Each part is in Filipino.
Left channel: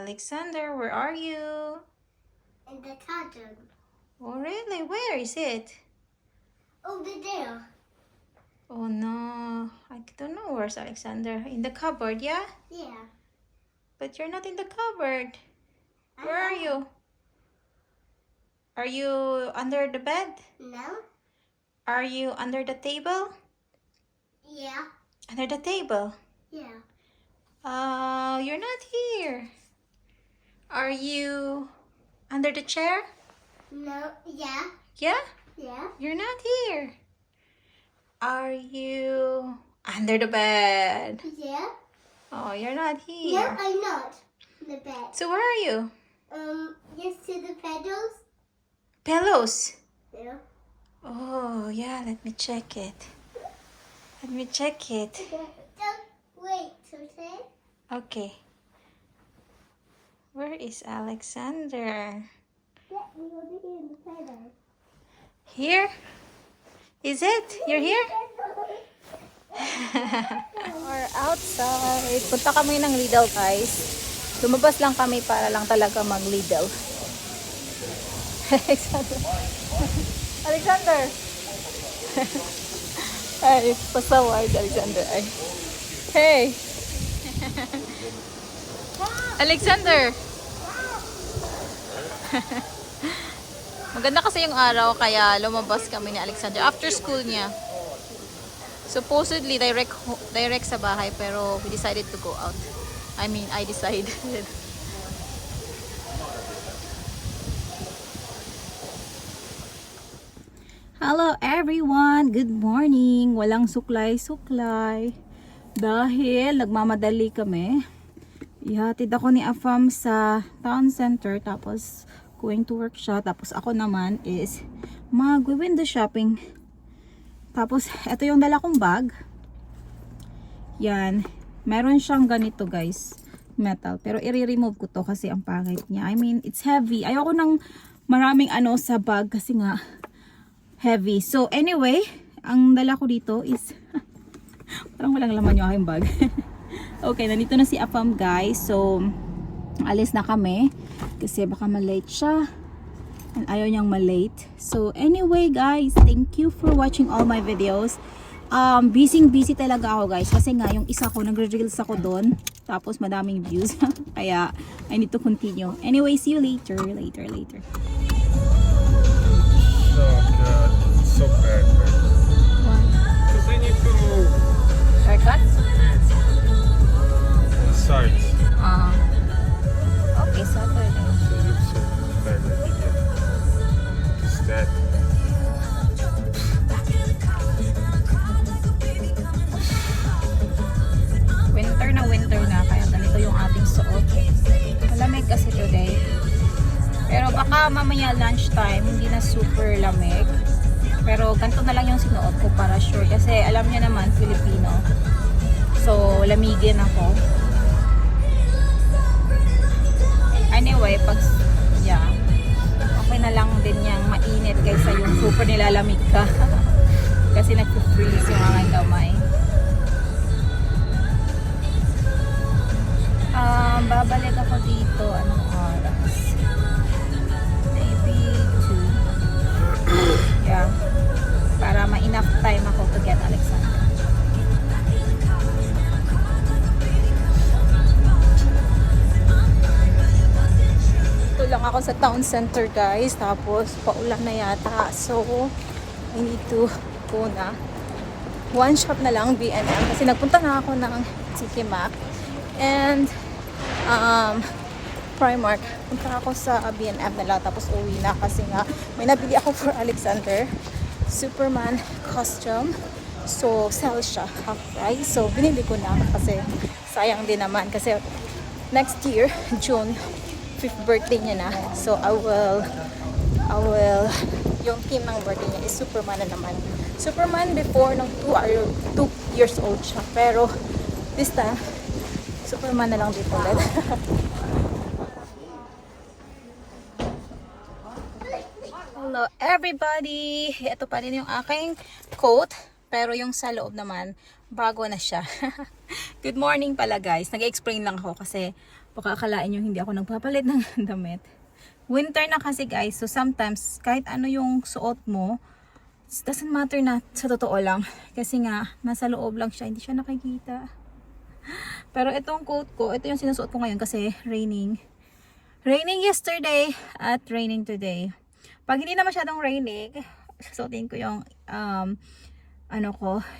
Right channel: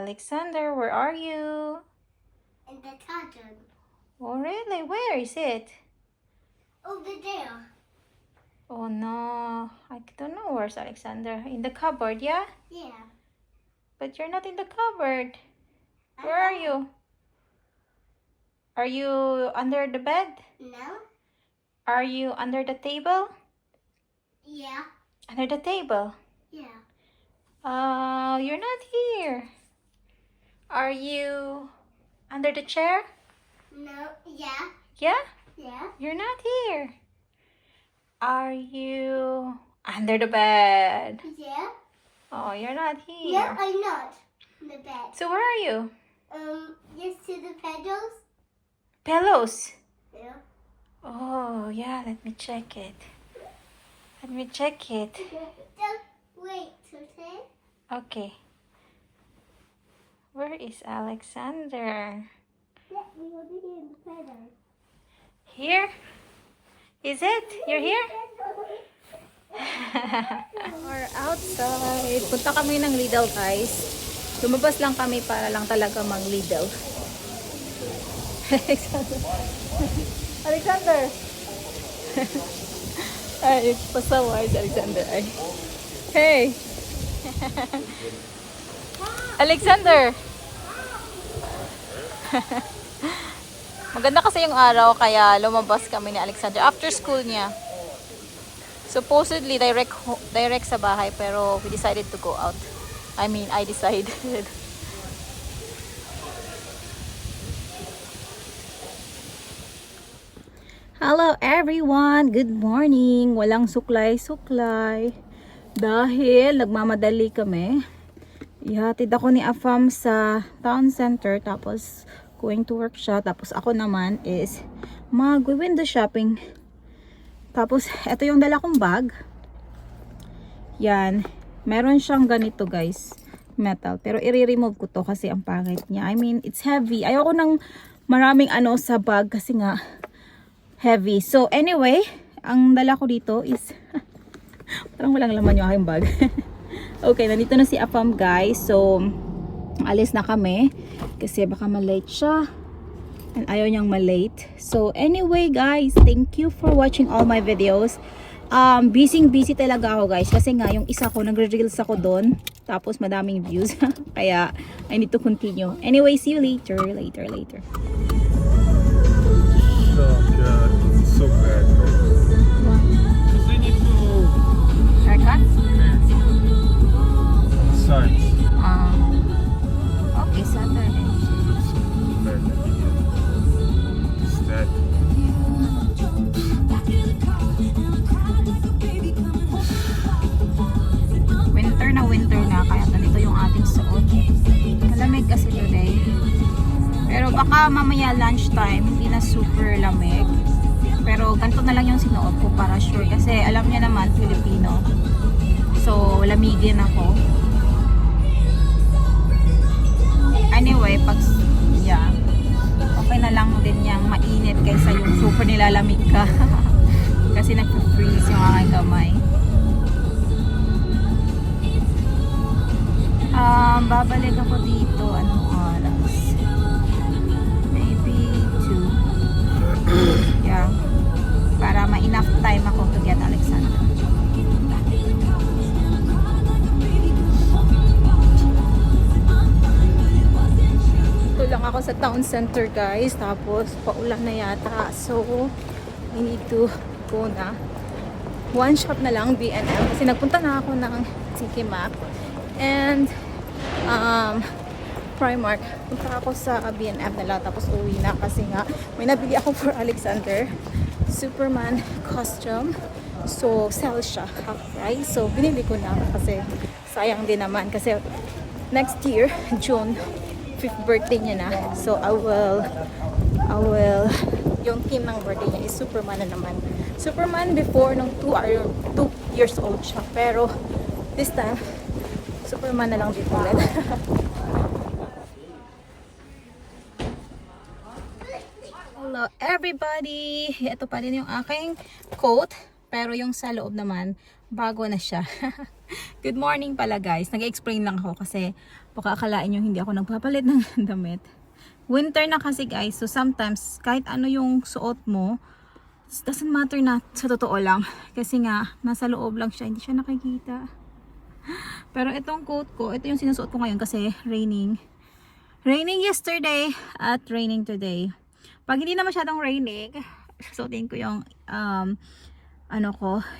Alexander, where are you? In the garden. Oh, really? Where is it? Over there. Oh, no. I don't know where's Alexander. In the cupboard, yeah? Yeah. But you're not in the cupboard. Where are you? Are you under the bed? No. Are you under the table? Yeah. Under the table? Yeah. You're not here. Are you under the chair? No. Yeah. Yeah? Yeah. You're not here. Are you under the bed? Yeah. Oh, you're not No, here. I'm not. In the bed. So where are you? You see the pedals? Pillows. Yeah. Oh, yeah, let me check it. Let me check it. Don't wait, okay? Okay. Where is Alexander? Yeah, we will be in the pedals. Here? Is it? You're here? We're outside. Punta kami ng Lidl, guys. Lumabas lang kami para lang talaga mag-Lidl. Alexander. Alexander. Ay, pasawa si Alexander. Ay. Hey. Alexander. Maganda kasi yung araw kaya lumabas kami ni Alexander after school niya. Supposedly direct sa bahay pero we decided to go out. I decided. Hello everyone! Good morning! Walang suklay-suklay. Dahil nagmamadali kami. Ihatid ako ni Afam sa town center tapos going to work siya. Tapos ako naman is mag-window shopping. Tapos ito yung dala kong bag. Yan. Meron siyang ganito guys. Metal. Pero i-remove ko to kasi ang pangit niya. I mean, it's heavy. Ayoko ng maraming ano sa bag kasi nga heavy. So anyway, ang dala ko dito is parang walang laman yung aking bag. Okay, nandito na si Afam guys. So alis na kami kasi baka malate siya and ayaw niyang malate. So anyway guys, thank you for watching all my videos. Busy talaga ako guys kasi nga yung isa ko nagre-reels ako doon tapos madaming views. Kaya I need to continue. Anyway, see you later. So bad, bro. Because I need to Haircut? massage. Okay, Saturday. Is that Winter na kaya ganito yung ating suot. Malamig kasi today. Pero baka mamaya lunchtime hindi na super lamig. Pero ganito na lang yung sinuot ko para sure kasi alam niya naman Filipino. So lamigin ako. Anyway, okay na lang din yang mainit kaysa yung super nilalamig ka. Kasi nagpo-freeze yung aking kamay. Babalik ako dito anong oras? Maybe 2. Yeah. Para ma-enough time ako to get Alexander. Ito lang ako sa town center guys. Tapos paulan na yata. So I need to go na. One shop na lang, B&M. Kasi nagpunta na ako ng TK Maxx and Primark. Punta ako sa B&M na lang tapos uwi na kasi nga may nabili ako for Alexander Superman costume. So sell siya half price. So binili ko na kasi sayang din naman kasi next year June 5th birthday niya na. So I will yung theme ng birthday niya is Superman na naman. Superman before nung 2 years old siya. Pero this time Superman na lang dito ulit. Hello everybody! Ito pa rin yung aking coat. Pero yung sa loob naman, bago na siya. Good morning pala guys. Nag-explain lang ako kasi Baka akalain nyo hindi ako nagpapalit ng damit. Winter na kasi guys, so sometimes kahit ano yung suot mo, it doesn't matter na sa totoo lang. Kasi nga, nasa loob lang siya, hindi siya nakikita. Pero itong coat ko, ito yung sinusuot ko ngayon kasi raining. Raining yesterday at raining today. Pag hindi na masyadong raining, susuotin ko yung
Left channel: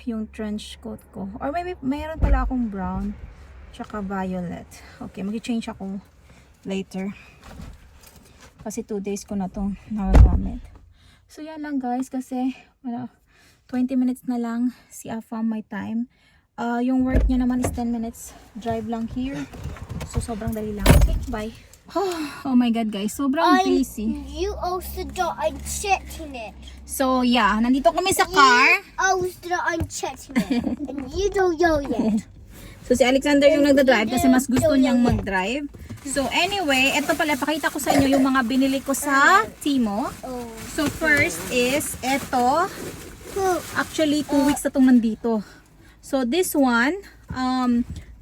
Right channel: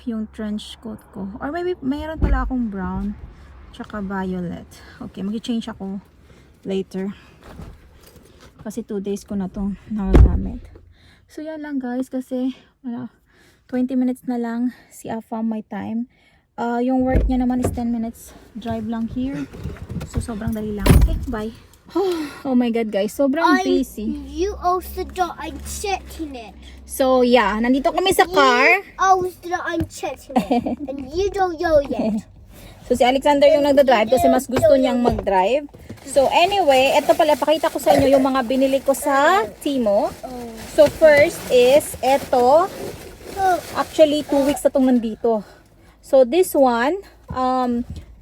yung trench coat ko. Or maybe mayroon pala akong brown tsaka violet. Okay, mag-change ako later. Kasi 2 days ko na itong nagagamit. So yan lang guys, kasi 20 minutes na lang si Afam my time. Yung work niya naman is 10 minutes drive lang here. So sobrang dali lang. Okay, bye. Oh my god guys, sobrang busy. You also don't unchecking it. So yeah, nandito kami sa car. You also don't unchecking it. And you don't know yet. So si Alexander yung nagda-drive kasi mas gusto niyang mag-drive. So anyway, eto pala, pakita ko sa inyo yung mga binili ko sa Timo. So first is eto. Actually 2 weeks na itong nandito. So this one,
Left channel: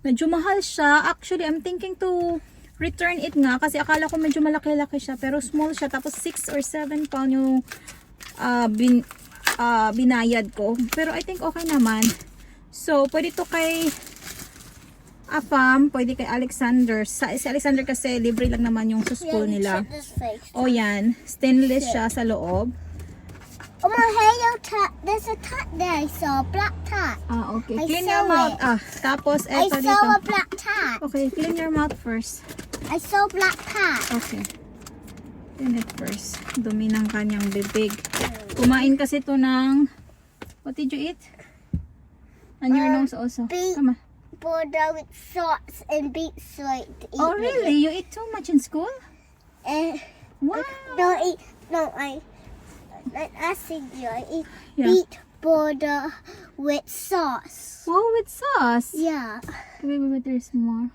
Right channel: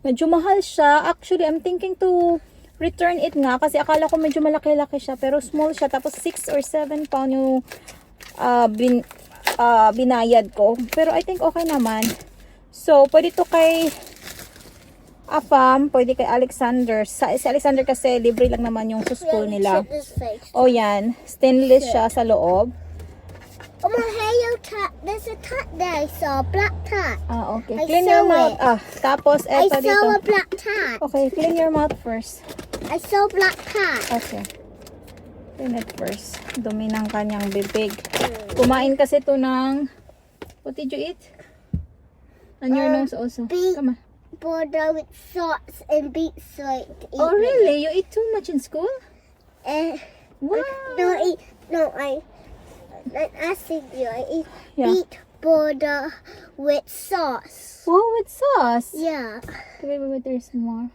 medyo mahal siya. Actually, I'm thinking to return it nga kasi akala ko medyo malaki-laki siya, pero small siya. Tapos 6 or 7 pound yung binayad ko. Pero I think okay naman. So pwede to kay Afam, pwede kay Alexander. Si Alexander kasi libre lang naman yung sa school nila. Oh yan, stainless siya sa loob. Oh my hair, there's a tat there. I saw a black tat. Okay. I Clean your saw mouth. Tapos I eto saw dito. a black tat. Okay, clean your mouth first. I saw a black tat. Okay. Clean it first. Dumi ng kanyang bibig. Kumain kasi to ng... What did you eat? On your nose also. beet. Come on. Border with socks and beets so I eat. Oh, really? You eat too much in school? Wow. Like asking you, I eat Yeah. beet border with sauce. Wow, with sauce. Yeah. Wait, there's more.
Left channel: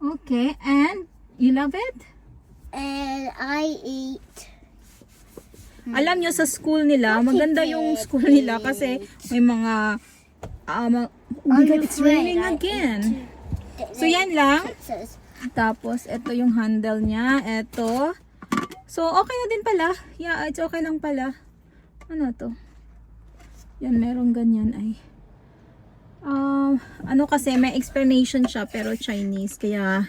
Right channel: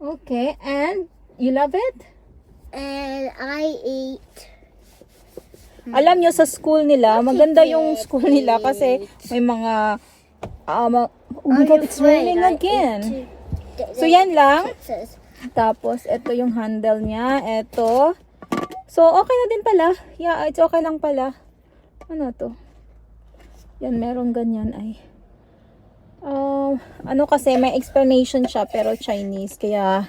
Okay, and you love it? And I eat. Alam nyo, sa school nila, maganda yung school nila kasi may mga... oh my God, it's raining again. So, yan lang. Tapos, ito yung handle niya. Ito. So, okay na din pala. Yeah, it's okay lang pala. Ano to? Yan, meron ganyan ay. Ano kasi, may explanation siya pero Chinese. Kaya,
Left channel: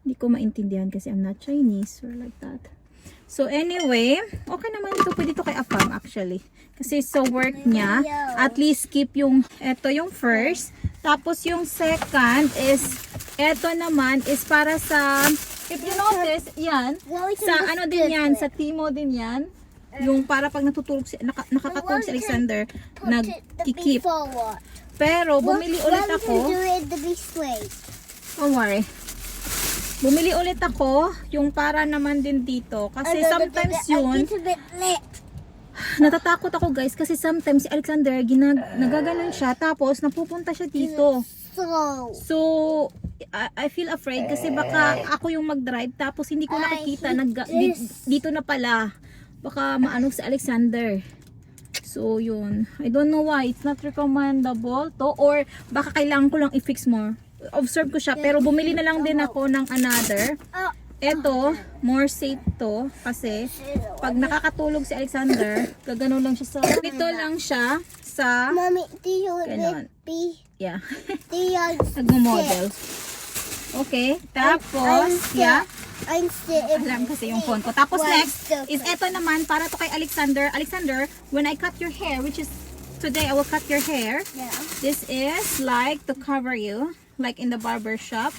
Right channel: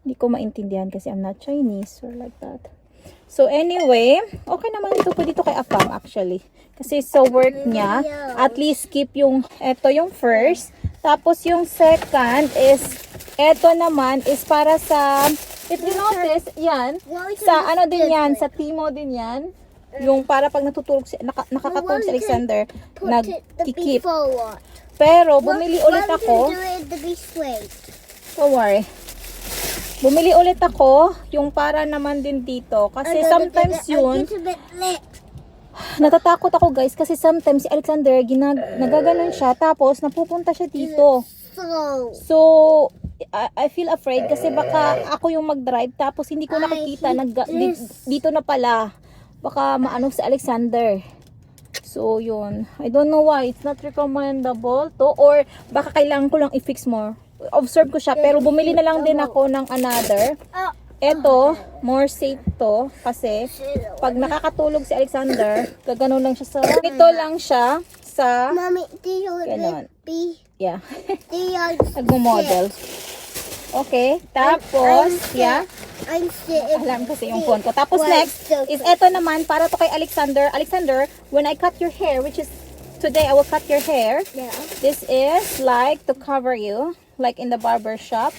hindi ko maintindihan kasi I'm not Chinese or like that. So, anyway, okay naman ito. Pwede ito kay Afam actually. Kasi sa work niya, at least keep yung, ito yung first. Tapos yung second is, ito naman is para sa, if you notice, yan, sa ano din yan, sa Timo din yan. Yung para pag natutulog, nakakatulog si Alexander, nagkikip. Pero, bumili ulit ako. Don't worry. Bumili ulit ako, yung para naman din dito. Kasi sometimes yun, natatakot ako guys kasi sometimes si Alexander nagaganon siya tapos napupunta siya dito. So I feel afraid kasi baka ako yung mag-drive tapos hindi ko nakikita dito na pala. Baka maano si Alexander. So yun, I don't know why it's not recommendable to, or baka kailangan ko lang i-fix more. Observe ko siya pero bumili na lang din ako ng another. Eto, more safe to kasi pag nakakatulog si Alexander, gaganon lang siya sa ito lang siya sa Mommy, do you ganon. be Yeah. the Nagmo-model. Okay, tapos yeah, I'm sitting. alam kasi yung phone ko. Tapos next is eto naman para to kay Alexander. Alexander, when I cut your hair, which is today I will cut your hair. Yeah. This is like to cover you, like in the barber shop.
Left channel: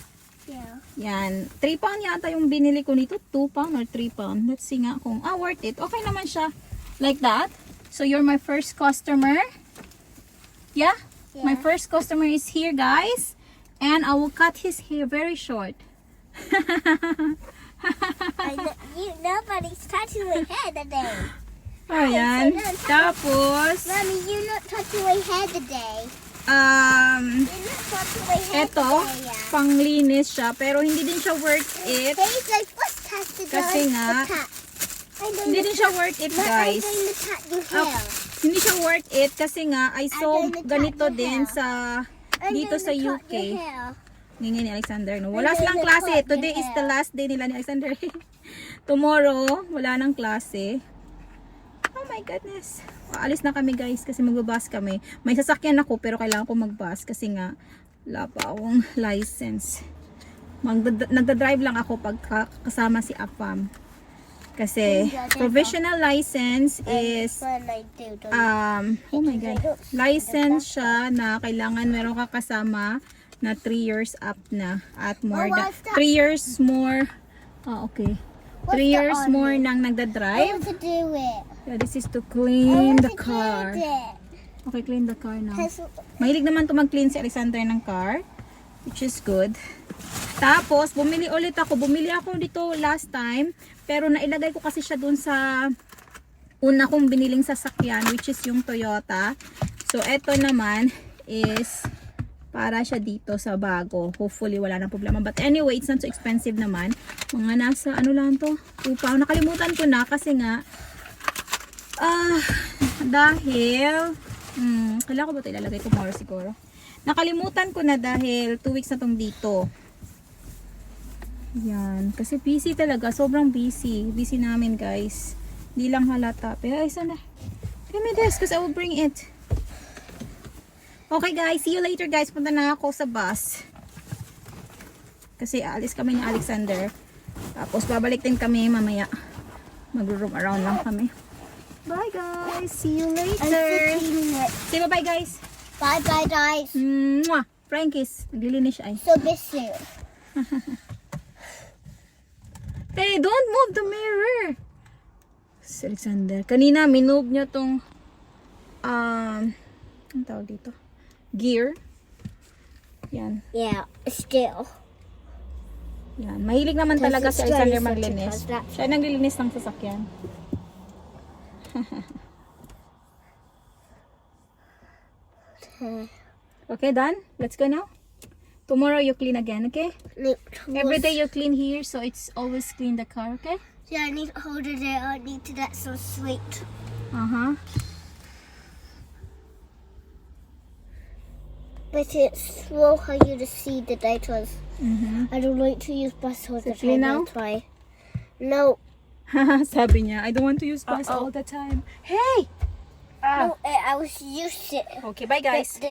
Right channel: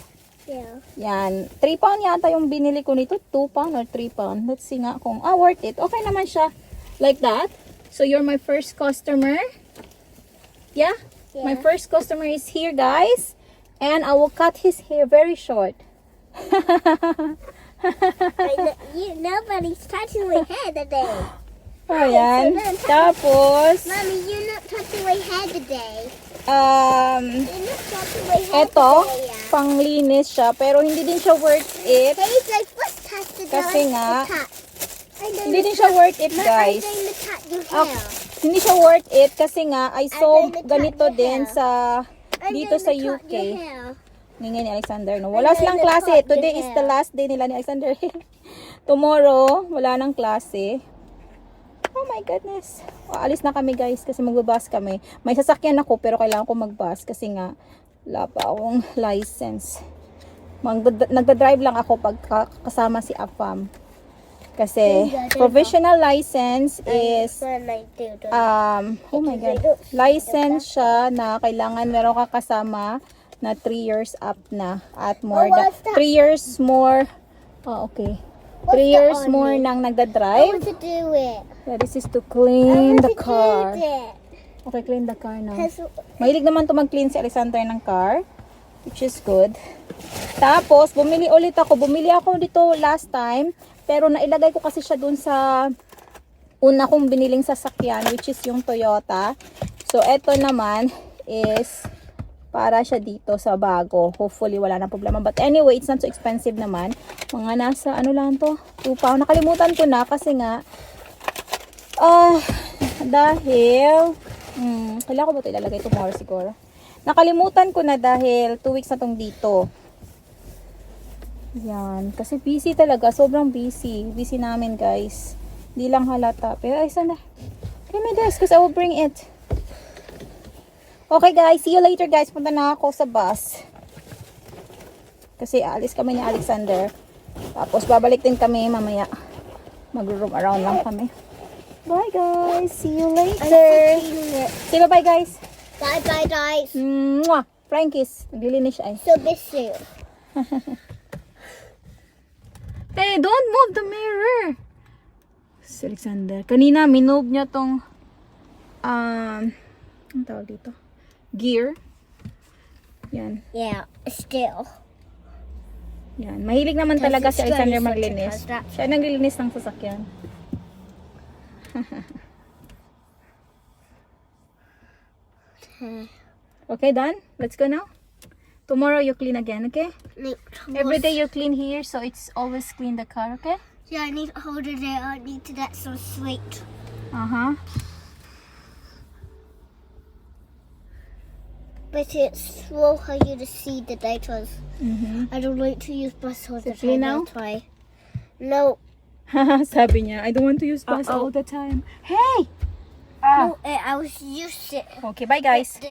Yeah. Yan. 3 pound yata yung binili ko nito. 2 pound or 3 pound. Let's see nga kung, worth it. Okay naman siya. Like that. So, you're my first customer. Yeah? My first customer is here, guys. And I will cut his hair very short. Nobody's touching my hair today. Oh, yan. Tapos, Mommy, you're not touching my hair today. um, You're not touching my hair eto, today. panglinis siya. Pero hindi din siya worth it. Hey, guys, what's touching Kasi nga, hindi din siya worth it, guys. I'm going to touch your Ah, hair. Hindi siya worth it kasi nga I saw I'm gonna cut ganito your din hair. sa I'm dito gonna sa cut UK. your hair. Ngingin ni Alexander. No? Wala silang klase. Today is the last day nila ni Alexander. Tomorrow, wala nang klase. Oh my goodness. Alis na kami guys kasi magbabas kami. May sasakyan ako pero kailangan ko magbus kasi nga wala pa akong license. Nagda-drive lang ako pag kasama si Afam. Kasi provisional license is oh my god. License siya na kailangan meron ka kasama na 3 years up na at more than 3 years more. Oh, okay. 3 years more nang I nagda-drive. want to do it. Yeah, this is to clean the I car. want to do it. Okay, clean the car now. 'Cause Mahilig naman to mag-clean si Alexander ng car, which is good. Tapos, bumili ulit ako. Bumili ako dito last time, pero nailagay ko kasi siya dun sa una kong biniling sasakyan, which is yung Toyota. So, eto naman is para siya dito sa bago. Hopefully, wala na problema. But anyway, it's not so expensive naman. Mga nasa, ano lang to? 2 pound. Nakalimutan ko na kasi nga, dahil, kailangan ko ba ito ilalagay tomorrow siguro? Nakalimutan ko na dahil 2 weeks na tong dito. Yan. Kasi busy talaga. Sobrang busy. Busy namin guys. Hindi lang halata. Pero ay sana. Give me this because I will bring it. Okay guys. See you later guys. Punta na ako sa bus. Kasi alis kami ni Alexander. Tapos babalik din kami mamaya. Mag-roam around lang kami. Bye guys. See you later. Say bye guys. bye bye guys. Mwah! Flying kiss. Naglilinis siya ay. So busy. Hey, don't move the mirror. Si Alexander. Kanina, minove niya tong ang tawag dito? Gear. Yan. Yeah, still. Yan. Mahilig naman Kasi talaga si it's Alexander very maglinis. sensitive, that's- Siya naglilinis ng sasakyan. Okay, done? Let's go now. Tomorrow you clean again, okay? Every day you clean here, so it's always clean the car, okay? Yeah, I need to hold it there. I need to get some sweet. Uh-huh. But it's slow how you to see the data. I don't like to use bus all the clean time. now? I'll try. No, Sabi niya, I don't want to use bus all the time. Hey! no, I was used to. Okay, bye guys.